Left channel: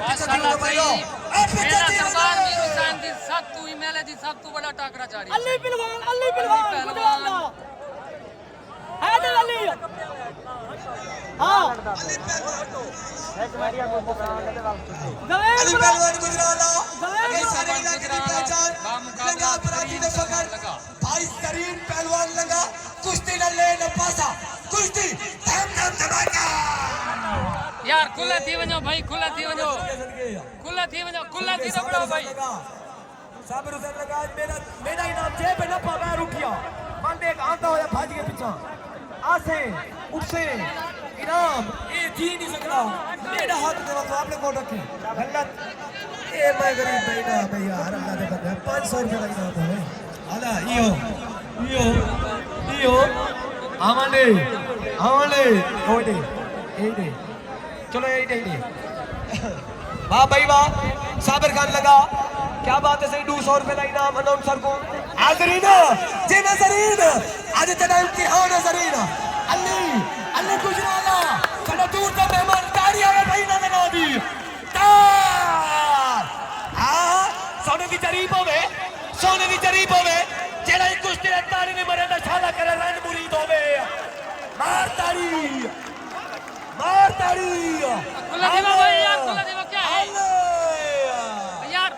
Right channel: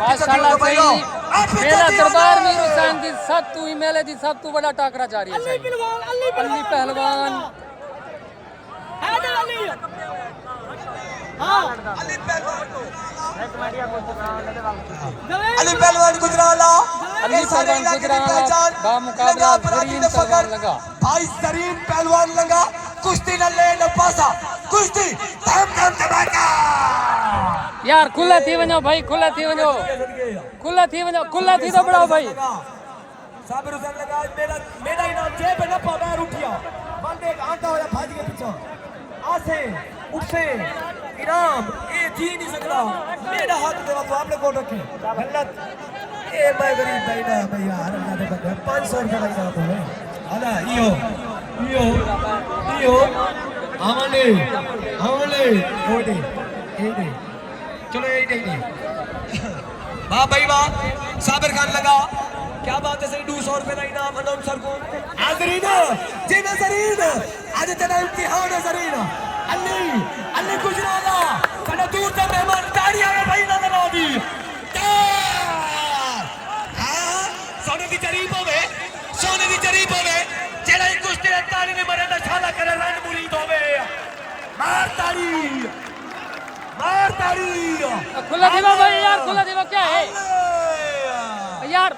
माशाल्लाह सही मेला दरबार मीर हुसैन दी सब तू ही मेले दी सब तू बड़ा टाकरा जारी है अली पहलवान हैदर अली हां अली पहलवान गुजराला बा मुकाबला जरीन पहलवान लगा भाई जरीन पहलवान लगा कुश्ती न ले न पासा कुश्ती धम धमाका यार खुला थी वञो भाई खुला थी वञो खुला थी तो बड़ो भाई साबर हुसैन लगा मेरा इनाम जेब में न पावे रुपया बंद एक आता होया भाज के पीछे आसे उठसे इनाम ये जी नहीं सकता मेरा हाथ करो तो आपने कौन रखे गलत ए भाई गरीब भाई ना भाई यार अल्लाह दे बंदे 500 रुपए लगा तो है आला इयो आमने ओडे ए दे चलो ए दे वाह भाई वाह साबर खान लगा क्या बात है सही 200 रुपए का इनाम अनाउंसर को हाजरीन जी नजरीन आज तेरा इम्तिहान है जरीन अल्ली गुजराला बड़ा दूर से मेहमान ताड़ी आवे भाई ना बना दी तार हां सोने की जरीब होवे जेड़ा एक कुश्ती रे ताड़ी ने मरे ना शादा करे रण मुरीद होवे मार ताड़ी खुला दीवा भाई यार खुला दीवा क्या है यार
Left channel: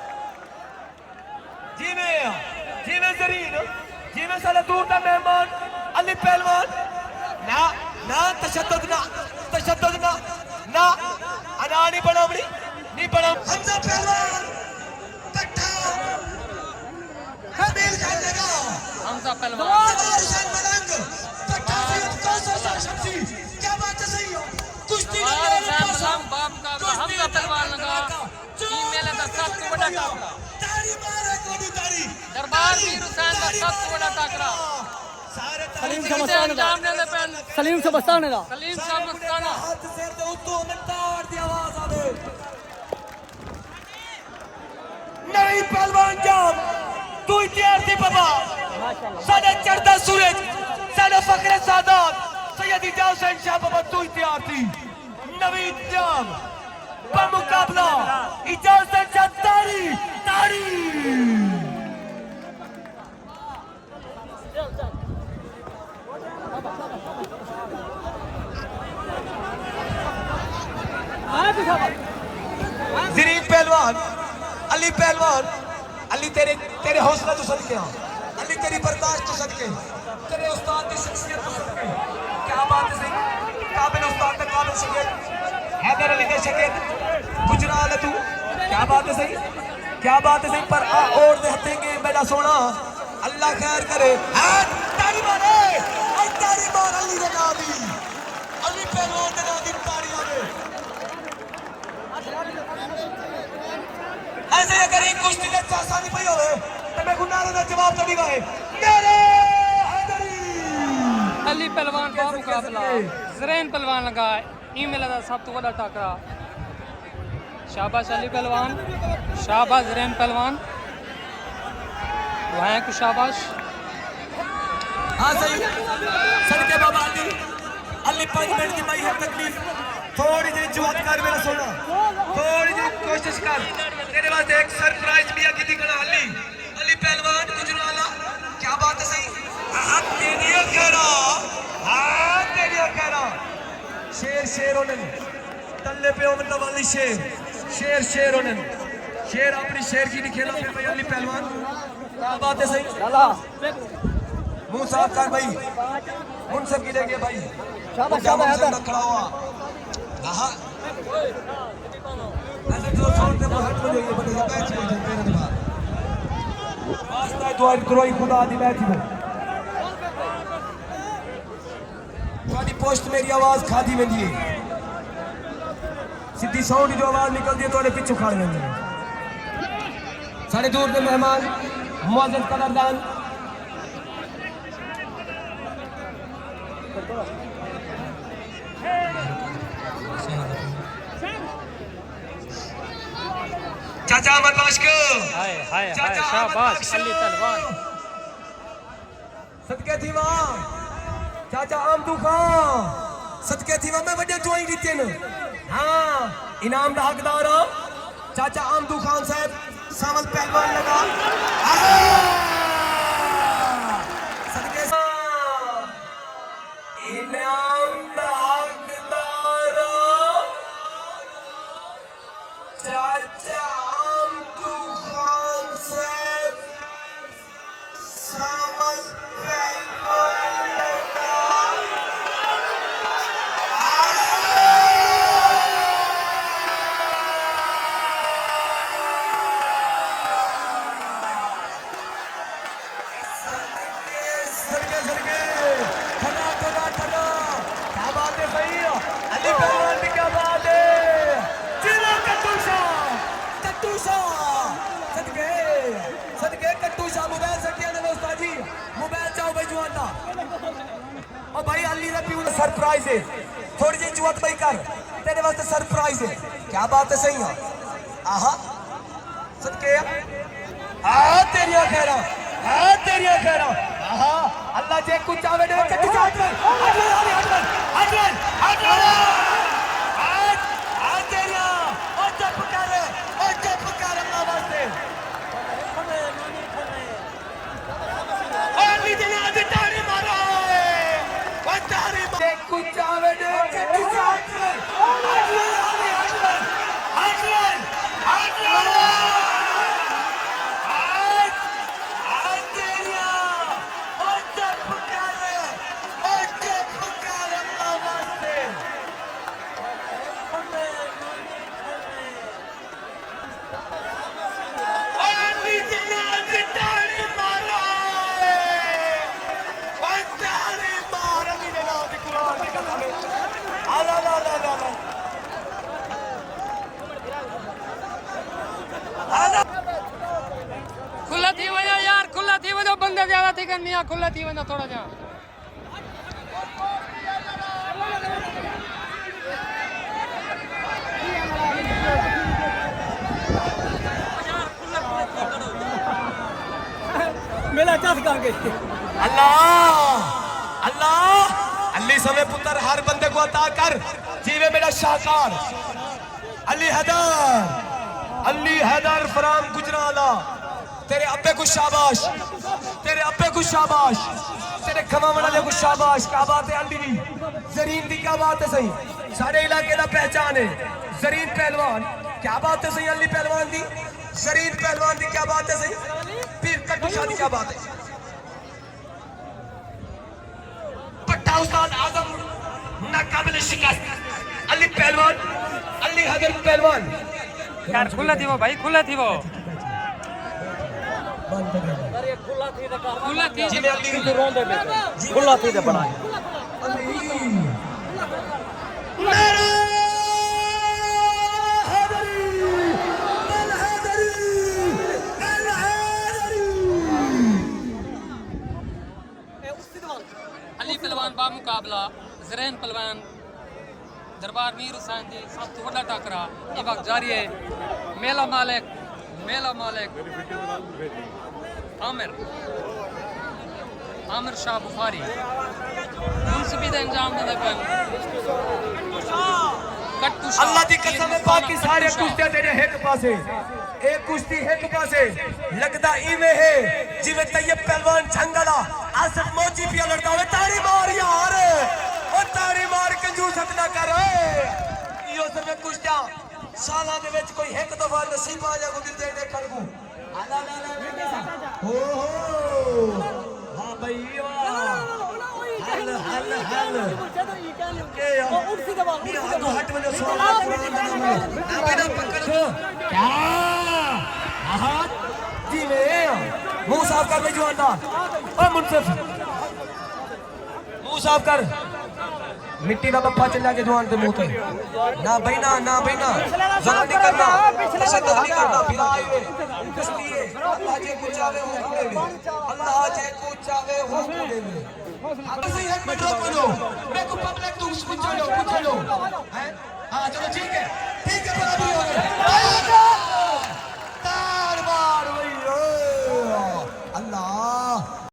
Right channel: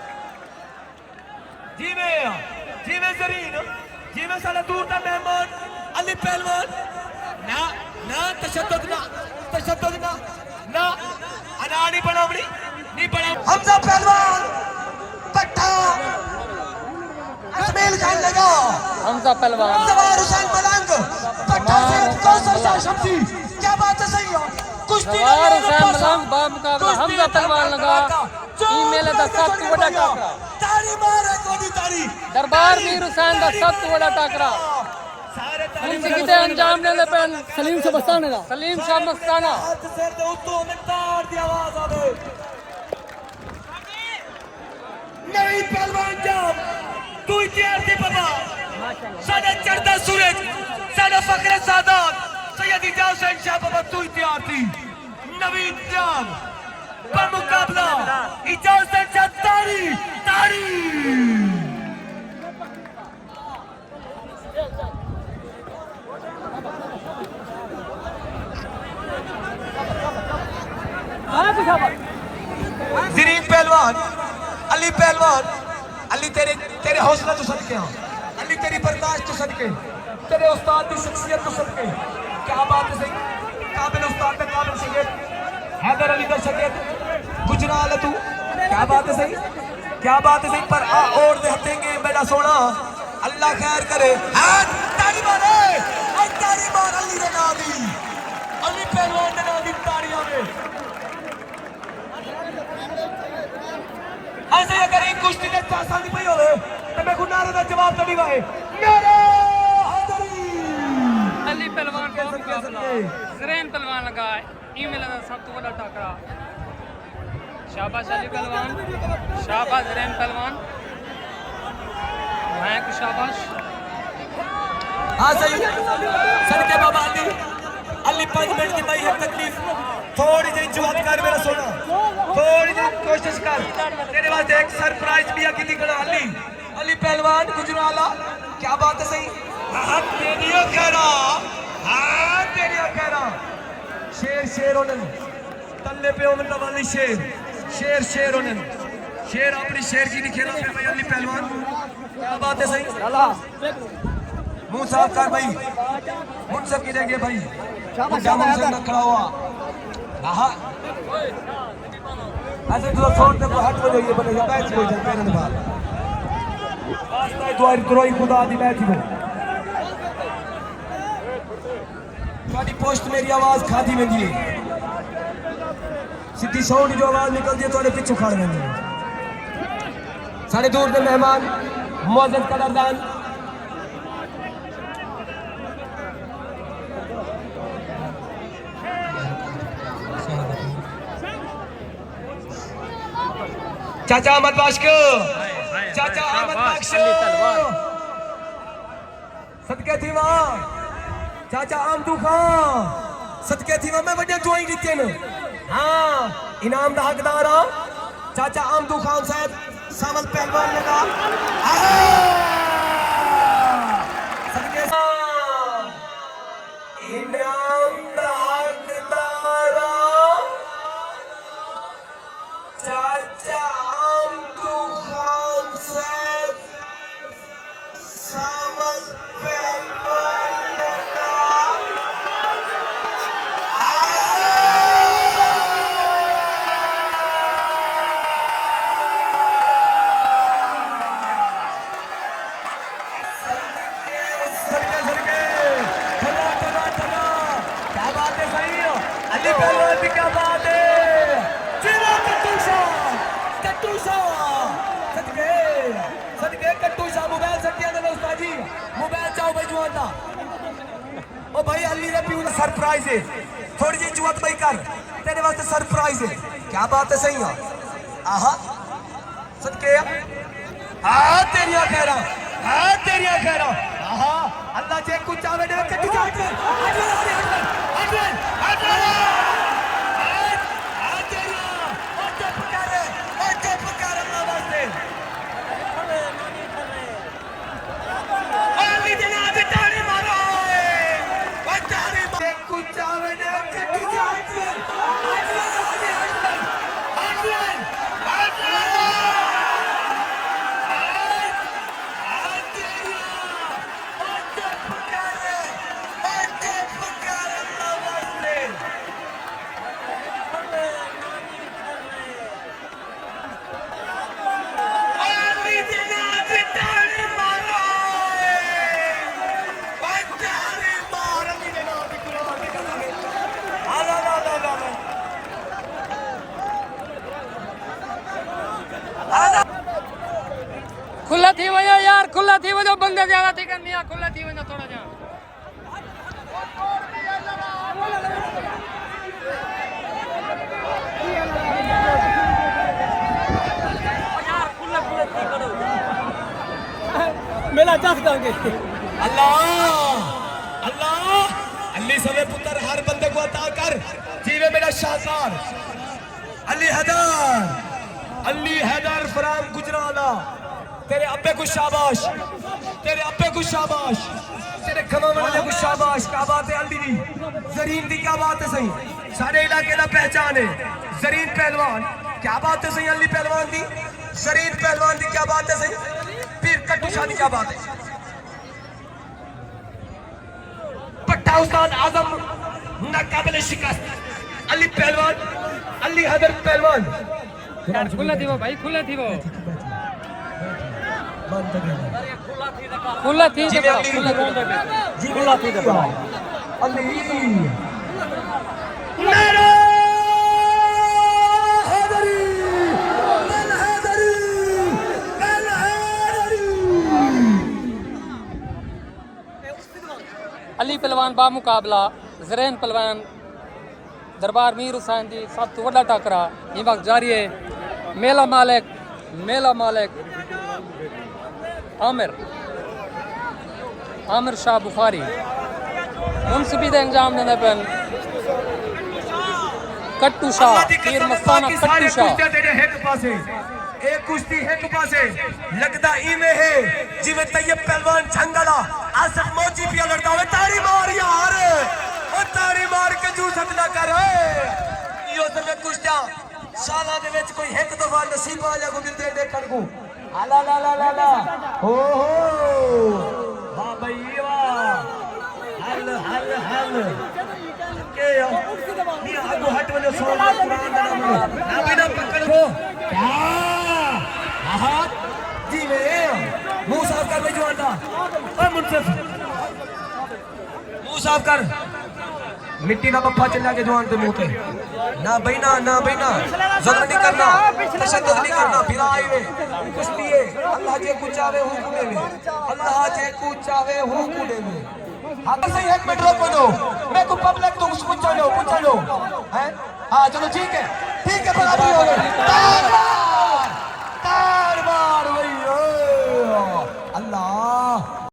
जी में जरीन जी में साला दूर का मेहमान अली पहलवान ना तशद्दुद ना अना नहीं बड़ा हमजा पहलवान पठान कबील खान लगा हमजा पहलवान सवार हुसैन मलंग क्या बात है सही हो सवार हुसैन मलंग बा मुकाबला हमजा पहलवान लगा ई मेले दा सब तू बड़ा टाकरा ताड़ी मारे कोडी ताड़ी दरबार मीर हुसैन दा सब तू बड़ा टाकरा अंजाम देने पे सलीम से मस्ताना सलीम साहब मस्ताना हाथ सिर दे उत्तो मिंटार दी आवाज आवे नहीं पहलवान जाम तू तैयार थी बाबा साडा चढ़दा सूरज साडा फखरे सादात सैयद इजाज हुसैन शाह बाबा तू तैयार थी नवीन जाम मुकाबला इजाज हुसैन शाह ताड़ी जरीन पहलवान अली तेरे हौसला तो सदके अली तेरी बर्दाश्त तो सदके तेरे उस्ताद की शख्सियत तो सदके क्या बात है सही काबिल उस्ताद का काबिल शिगिर हैदर अली का शिगिर गुजराल तू क्या बात है सही पर और देखेंगे मेरा सोना अल्लाह खैर करे ताड़ी मार अली के नाम अली पहलवान के नाम ताड़ियां में ऐसे अगर एक कुश्ती के आसानी पई होवे तो मैं गुनारों का जवाब कभी गए मेरे हैदरी अली पहलवान का मुकाबला जरीन पहलवान लगा ई मेले दा सब तू बड़ा टाकरा शाबाश अली पहलवान शाबाश जरीन पहलवान मैं तो शाबाश हां सही सदके बाबा अली 5 मिनट की भाई है तकलीफ थोड़ी सी जुहद कर मेरा सोना थोड़ी सी कोशिश कर तेरे वास्ते एक सरप्राइज भी है किसी को अली पहलवान गुजराला क्या बात है सही हां तेरी अखरा शेर होने तल्ले पे उंगल वाली शेर होने शेर अपनी शेर की नहीं खेलना अली पहलवान क्या बात है सही मुंह साफ कर भाई हम सब गिरेंगे भाई जामुन से न खड़ा हुआ हां ऐसे जो छोड़ दे हाथ में जाइए बने मैच हो जाए मेरे दिमाग दुआ करो खुदा दी मैच हो थोड़ी पोस्ट मेरी आवाज खादी वेंदी है सीधी साउंड जो आवाज निकलती है थोड़े पीछे खड़ वेंदी है सारे दूर के मेहमान मुअज्जज कदरदान चाचा अहमद बाशको चाचा अहमद बाशको सदके थी मां चाचा आमदू खान सदके थी मां मैं बड़े जोई दी तेन हां इनाम का हकदार हो चाचा आमदू खान साहब सावल पहलवान लगा सदके इनाम का हकदार हो चाचा आमदू खान साहब सावल पहलवान लगा ओ भाई अली दा पीऊ दा सरप्राइज है थोड़ी जी जुआत भाई कर तेरे वास्ते सरप्राइज है क्या बात है सही है आहा सदके आ तेरी खैरा आहा अल्लाह जे कुछ आवे दे कट्टी चाट खुला थी वजह यार खुला थी वजह बंदे ज्यादा थी करनी खुला थी वजह थोड़ा जा मेला चास करके अल्लाह अली समय पुत्र हर बंदे को अता कर जीवे मेरा शाहकार अली हैदर फराम गुजराला तेरे अब्बे को शाबाश तेरे खमा वाले को शाबाश क्या बात है अली दी जरीन दी क्या बात है सही सारे इलाके का पहचान है जरीन पहलवान क्या बात है सही अली पहलवान दी जरीन पहलवान दी क्या बात है सही पीर कट्टू शाह दी क्या बात है पट्टा उस्ताद आजम नाकाबिल शिकस्त अली पहलवान अली हैदर पहलवान यार खुला थी वो भाई खुला थी वो खुला थी जब खुला थी तो बड़ा अली पहलवान बा मुकाबला जरैन पहलवान दरबार मीर हुसैन जी सब तो वड्डा टाकरा ये वक्त जारी है मेला मालिक आमिर शाह बुखारी उनसे भी अंजाम देने पर कट्टू शाह पीर मस्ताना कट्टू शाह एक कुश्ती एक पासे लगदा इवे है जिवे तैयब पहलवान झंगला आसिफ मोची पिया लड़ता हुए ताड़ी मार यार और ताड़ी मार के जू सकना कर यो सब कुश्ता साला दे विच कोई एक दफा नसीब आ जा को दिल दे कर को आला ला ला ला ला हो हां भाई वाह हल के यार उठती दबा हट क्या आहा जीवे मुंह साफ कर ले जुआन दा ओ मुनसिफ मुंह साफ कर मिट्टी का पप्पा चला के जुआन के मुंह पे ना भाई ना जुल्म नहीं करना तशद्दुद नहीं करना फिर आए वे इसलिए अल्लाह जे कुछ चाहे हो कुड़े में अल्लाह जे कुछ चाहे हो कुड़े में आप से एक मिनट रोको दो मैं को पब्लिक तो उसको पूछ लो हैं हां चलो ठीक है बराबर